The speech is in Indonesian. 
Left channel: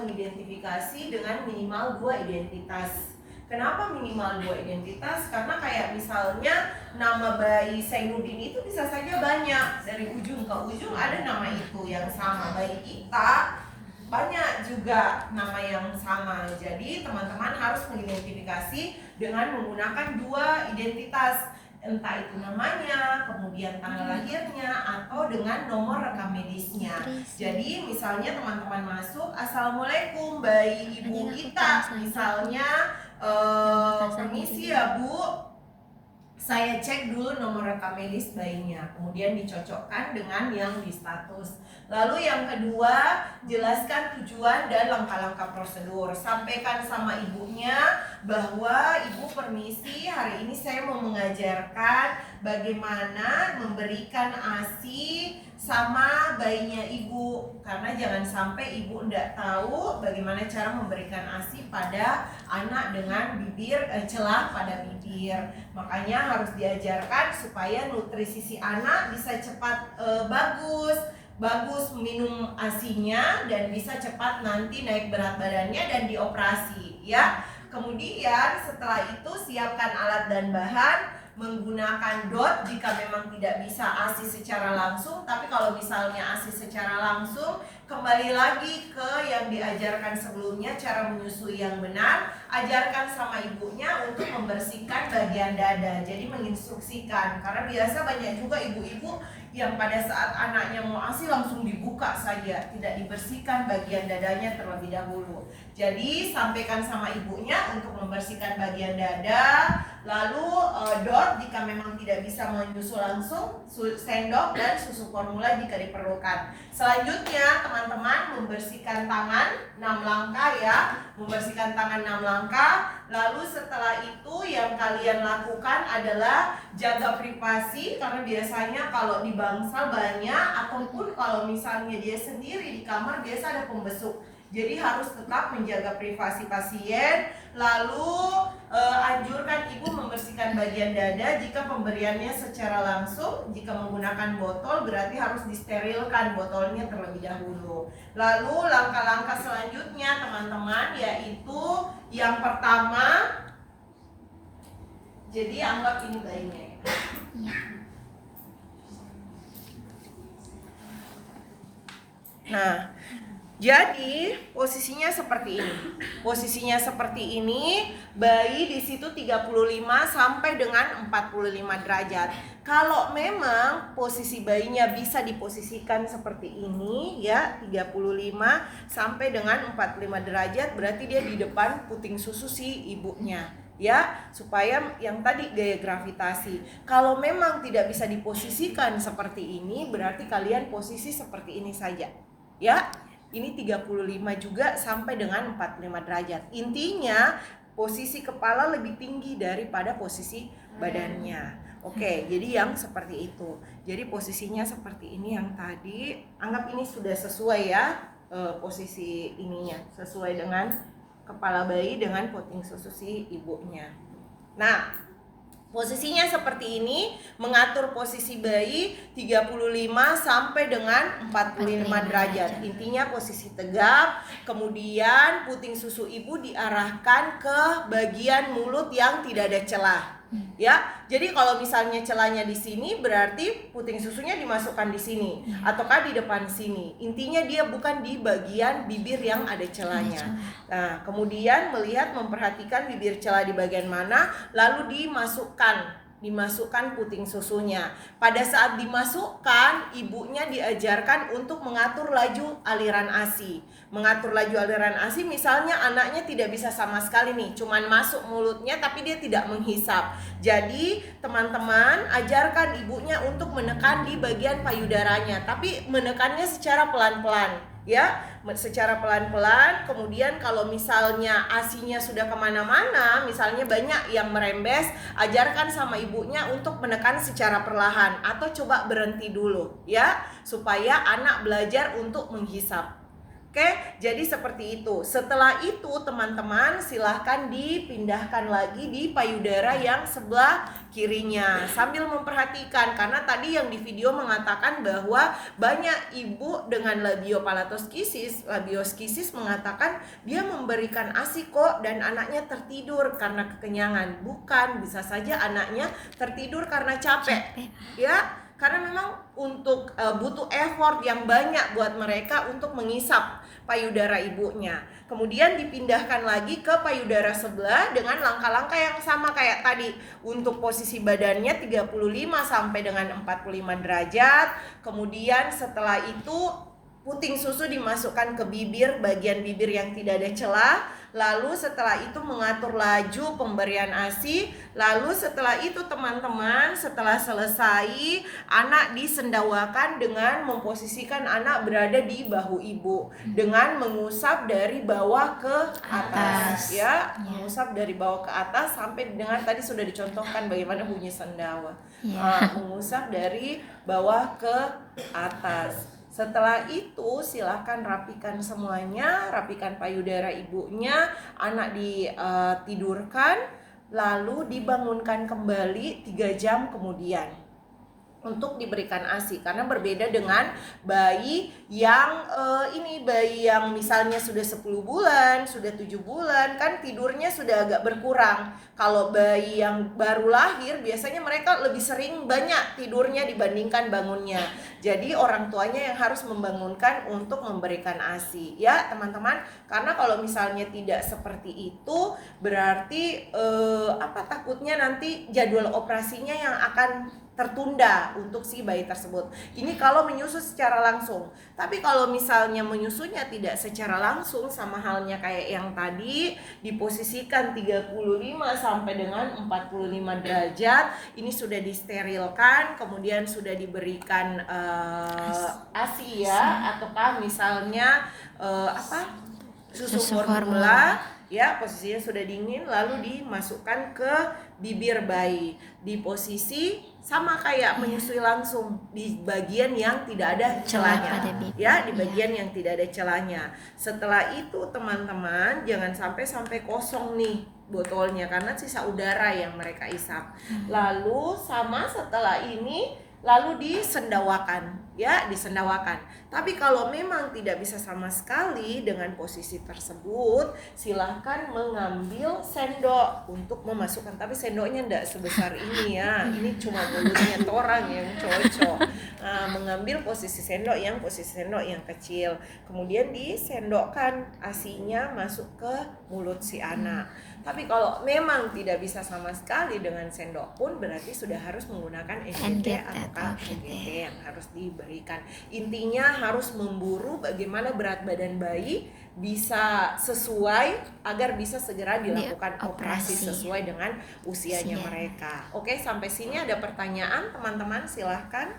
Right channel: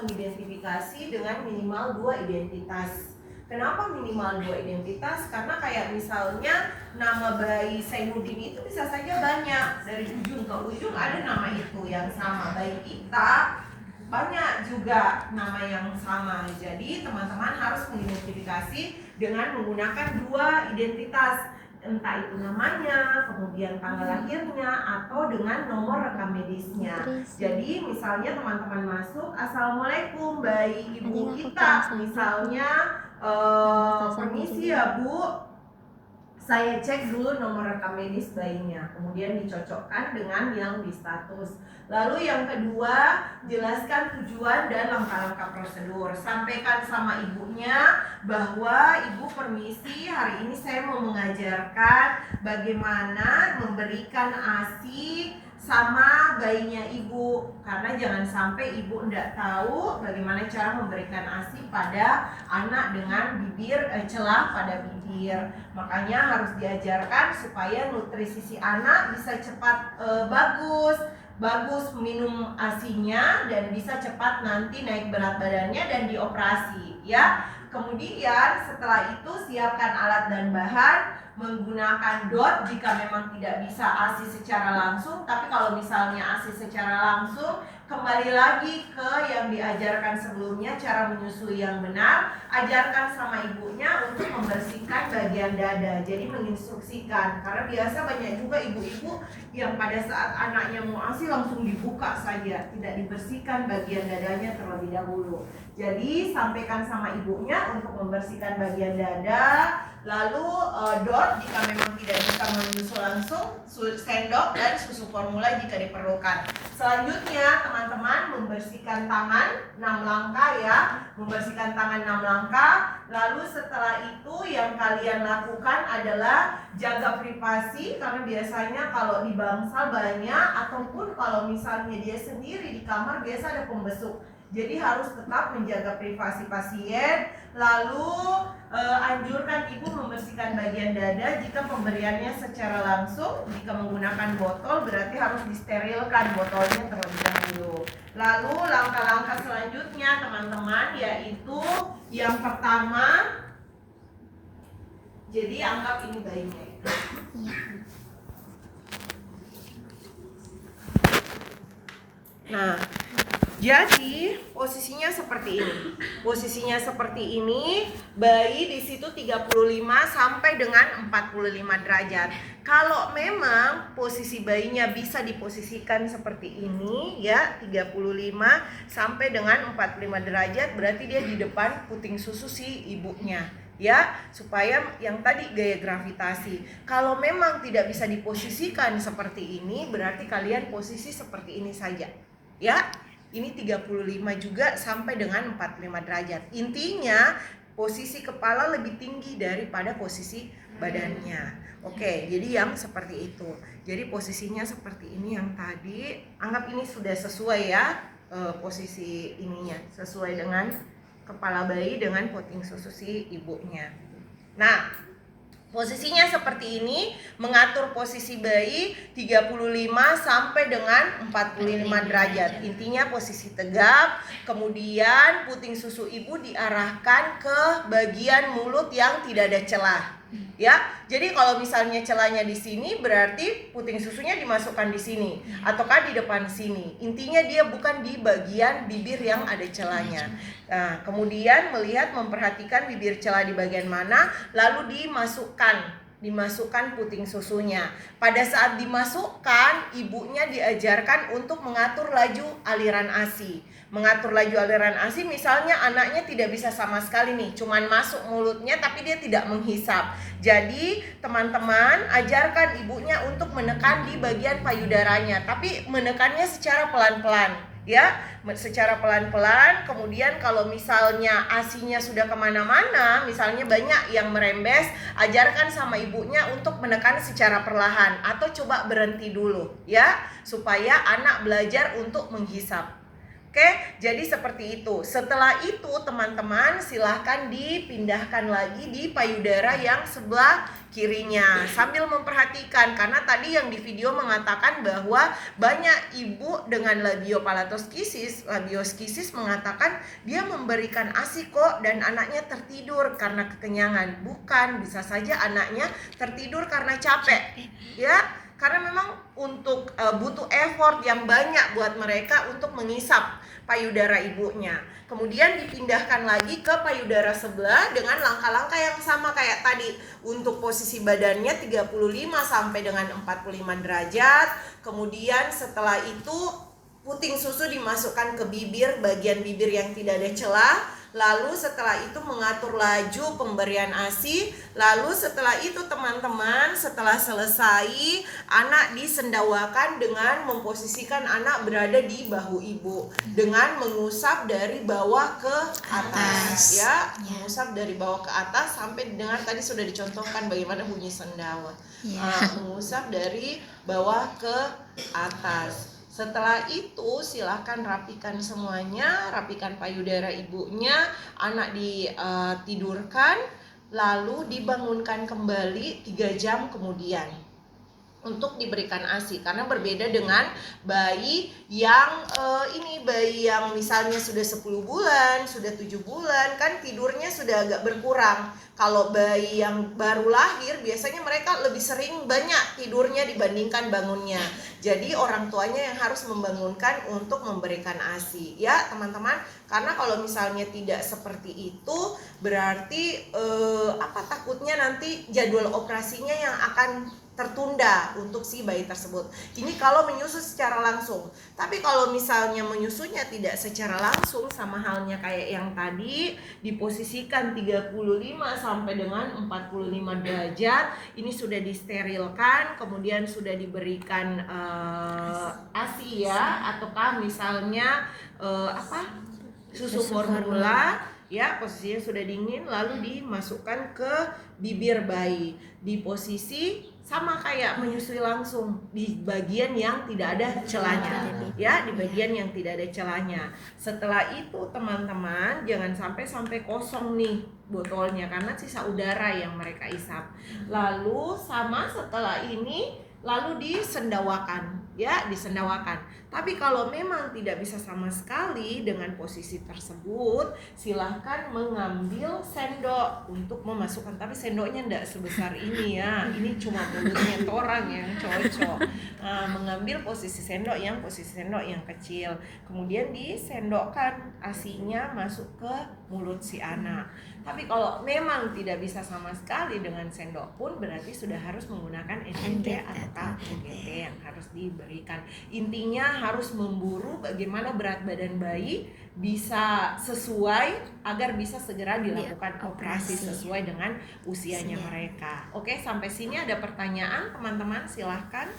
mengidentifikasi dengan minimal 2 identitas. Kenapa minimal 2 identitas? Karena kayak misalnya nama bayi Sainuddin itu bisa saja banyak, dari ujung ke ujung ada nama itu yang sama. Bayi kita banyak juga nama yang sama. Jadi teman-teman harus mengidentifikasi dengan menggunakan 2 identitas, entah itu namanya, kemudian tanggal lahirnya, atau dengan nomor rekam medisnya. Jadi misalnya teman-teman masuk, assalamualaikum bayi ibu kita, misalnya permisi ya Bu, saya cek dulu nomor rekam medis bayinya, kemudian dicocokkan dengan yang di status. Lalu yang kedua, jelaskan tujuan dan langkah-langkah prosedur. Sampaikan sama ibunya bahwa ibu permisi, hari ini saya mau mengajarkan bagaimana memberikan ASI sama bayinya ibu. Karena jangan sampai ibu tidak tahu bagaimana cara memberikan ASI pada anak dengan bibir celah pada bibir. Makanya harus diajarkan supaya nutrisi si anak bisa cepat bagus minum ASINya dan bisa cepat nanti naik berat badannya dan dioperasi ya. Kemudian setelah itu siapkan alat dan bahan, menggunakan DOT jika memang tidak bisa ASI secara langsung. Tapi kalau misalnya ASI secara langsung, kembali lagi ke yang diajarkan sebelumnya, cara menyusui yang benar. Ajarkan sama ibunya untuk membersihkan bagian dada. Jadi menginstruksikan, karena biasa banyak juga ibu-ibu yang pada saat anaknya mau ASI langsung dibuka saja, tidak dibersihkan bagian dadanya terlebih dahulu. Jadi sampaikan sama ibunya untuk membersihkan bagian dada. Lalu DOT jika memang tidak bisa menyusu langsung, sendok dan susu formula jika diperlukan. Selanjutnya teman-teman membersihkan tangan 6 langkah ya. Membersihkan tangan 6 langkah. Lalu setelah itu yang kalian lakukan adalah jaga privasi, karena biasanya kalau di bangsal banyak, ataupun kalau misalnya dia sendiri di kamar biasa ada pembesuk. Jadi harus tetap menjaga privasi pasien. Lalu anjurkan ibu membersihkan bagian dada jika pemberiannya secara langsung. Jika menggunakan botol berarti harus disterilkan botolnya terlebih dahulu. Lalu langkah-langkah selanjutnya teman-teman yaitu yang pertama, jadi anggap ini bayinya ya. Nah, jadi posisinya seperti ini. Posisinya seperti ini, bayi di situ 35 sampai dengan 45 derajat. Kalau memang posisi bayinya bisa diposisikan seperti ini ya, 35 sampai dengan 45 derajat, berarti dia di depan puting susu si ibunya ya, supaya yang tadi gaya gravitasi. Kalau memang tidak bisa diposisikan seperti ini, berarti kalian posisi seperti ini saja. Ya, ini 35 juga sampai dengan 45 derajat. Intinya posisi kepala lebih tinggi daripada posisi badannya. Oke, jadi yang seperti itu. Jadi posisinya seperti ini yang tadi. Anggap ini sudah sesuai ya, posisi ininya sesuai dengan kepala bayi dengan puting susu si ibunya. Nah, posisinya seperti ini, mengatur posisi bayi 35 sampai dengan 45 derajat. Intinya posisi tegap, kemudian puting susu ibu diarahkan ke bagian mulut yang tidak ada celah. Ya, jadi kalau misalnya celahnya di sini berarti puting susunya dimasukkan di sini ataukah di depan sini. Intinya dia bukan di bagian bibir yang ada celahnya. Nah, kemudian memperhatikan bibir celah di bagian mana, lalu dimasukkan puting susunya. Pada saat dimasukkan, ibunya diajarkan untuk mengatur laju aliran ASI. Mengatur laju aliran ASI, misalnya anaknya tidak bisa sama sekali nih, cuman masuk mulutnya tapi dia tidak menghisap. Jadi teman-teman ajarkan ibunya untuk menekan di bagian payudaranya, tapi menekannya secara pelan-pelan ya, secara pelan-pelan. Kemudian kalau misalnya ASINya sudah kemana-mana, misalnya banyak yang merembes, ajarkan sama ibunya untuk menekan secara perlahan atau coba berhenti dulu ya, supaya anak belajar untuk menghisap. Oke, jadi seperti itu. Setelah itu teman-teman silahkan dipindahkan lagi di payudara yang sebelah kirinya sambil memperhatikan, karena tadi yang di video mengatakan bahwa banyak ibu dengan labioskisis mengatakan dia memberikan ASI kok dan anaknya tertidur karena kekenyangan. Bukan, bisa saja anaknya tertidur karena capek. Ya, karena memang untuk butuh effort yang banyak buat mereka untuk mengisap payudara ibunya. Kemudian dipindahkan lagi ke payudara sebelah dengan langkah-langkah yang sama kayak tadi. Untuk posisi badannya 35 sampai dengan 45 derajat. Kemudian setelah itu puting susu dimasukkan ke bibir, bagian bibir yang tidak ada celah. Lalu setelah itu mengatur laju pemberian ASI. Lalu setelah itu teman-teman, setelah selesai, anak disendawakan dengan memposisikan anak berada di bahu ibu dengan mengusap dari bawah ke atas, ya, mengusap dari bawah ke atas sampai dengar tadi sudah dicontohkan bagaimana bunyi sendawa. Mengusap dari bawah ke atas. Setelah itu silahkan rapikan semuanya, rapikan payudara ibunya, anak ditidurkan, lalu dibangunkan kembali 3 jam kemudian untuk diberikan ASI, karena berbeda dengan bayi yang bayi yang misalnya sudah 10 bulan, sudah 7 bulan kan tidurnya sudah agak berkurang. Kalau bayi yang baru lahir biasanya mereka lebih sering banyak tidurnya dibandingkan bangunnya. Jadi orang tuanya yang harus membangunkan untuk memberikan ASI ya teman-teman. Karena kalau misalnya tidak seperti itu berarti takutnya nanti jadwal operasinya yang akan tertunda untuk si bayi tersebut. Ini kalau menyusu secara langsung. Tapi kalau misalnya menyusunya tidak secara langsung, sama halnya kayak yang tadi, diposisikan 35 sampai dengan 45 derajat, ini sudah disterilkan, kemudian sudah diberikan ASI ya, ataukah misalnya susu formula ya, posisinya sudah dingin, lalu dimasukkan ke bibir bayi di posisi sama kayak menyusui langsung di bagian yang tidak ada celahnya ya, di bagian yang tidak ada celahnya. Setelah itu teman-teman jangan sampai kosong nih botolnya karena sisa udara yang mereka isap. Lalu sama setelah ini lalu disendawakan ya, disendawakan. Tapi kalau memang tidak bisa sama sekali dengan posisi tersebut, silahkan mengambil sendok untuk memasukkan. Tapi sendoknya tidak sebesar ini ya, ini cuma mulutnya orang yang cocok. Mengambil posisi sendok yang kecil, kemudian disendokkan ASINya masuk ke mulut si anak. Tapi kalau memang tidak bisa sama sekali dengan sendok pun berarti sudah harus menggunakan NGT atau UGT yang harus diberikan. Intinya harus memburu bagaimana berat badan bayi bisa sesuai agar bisa segera dilakukan operasi sesuai dengan usianya mereka. Oke, sampai sini ada pertanyaan teman-teman, silahkan.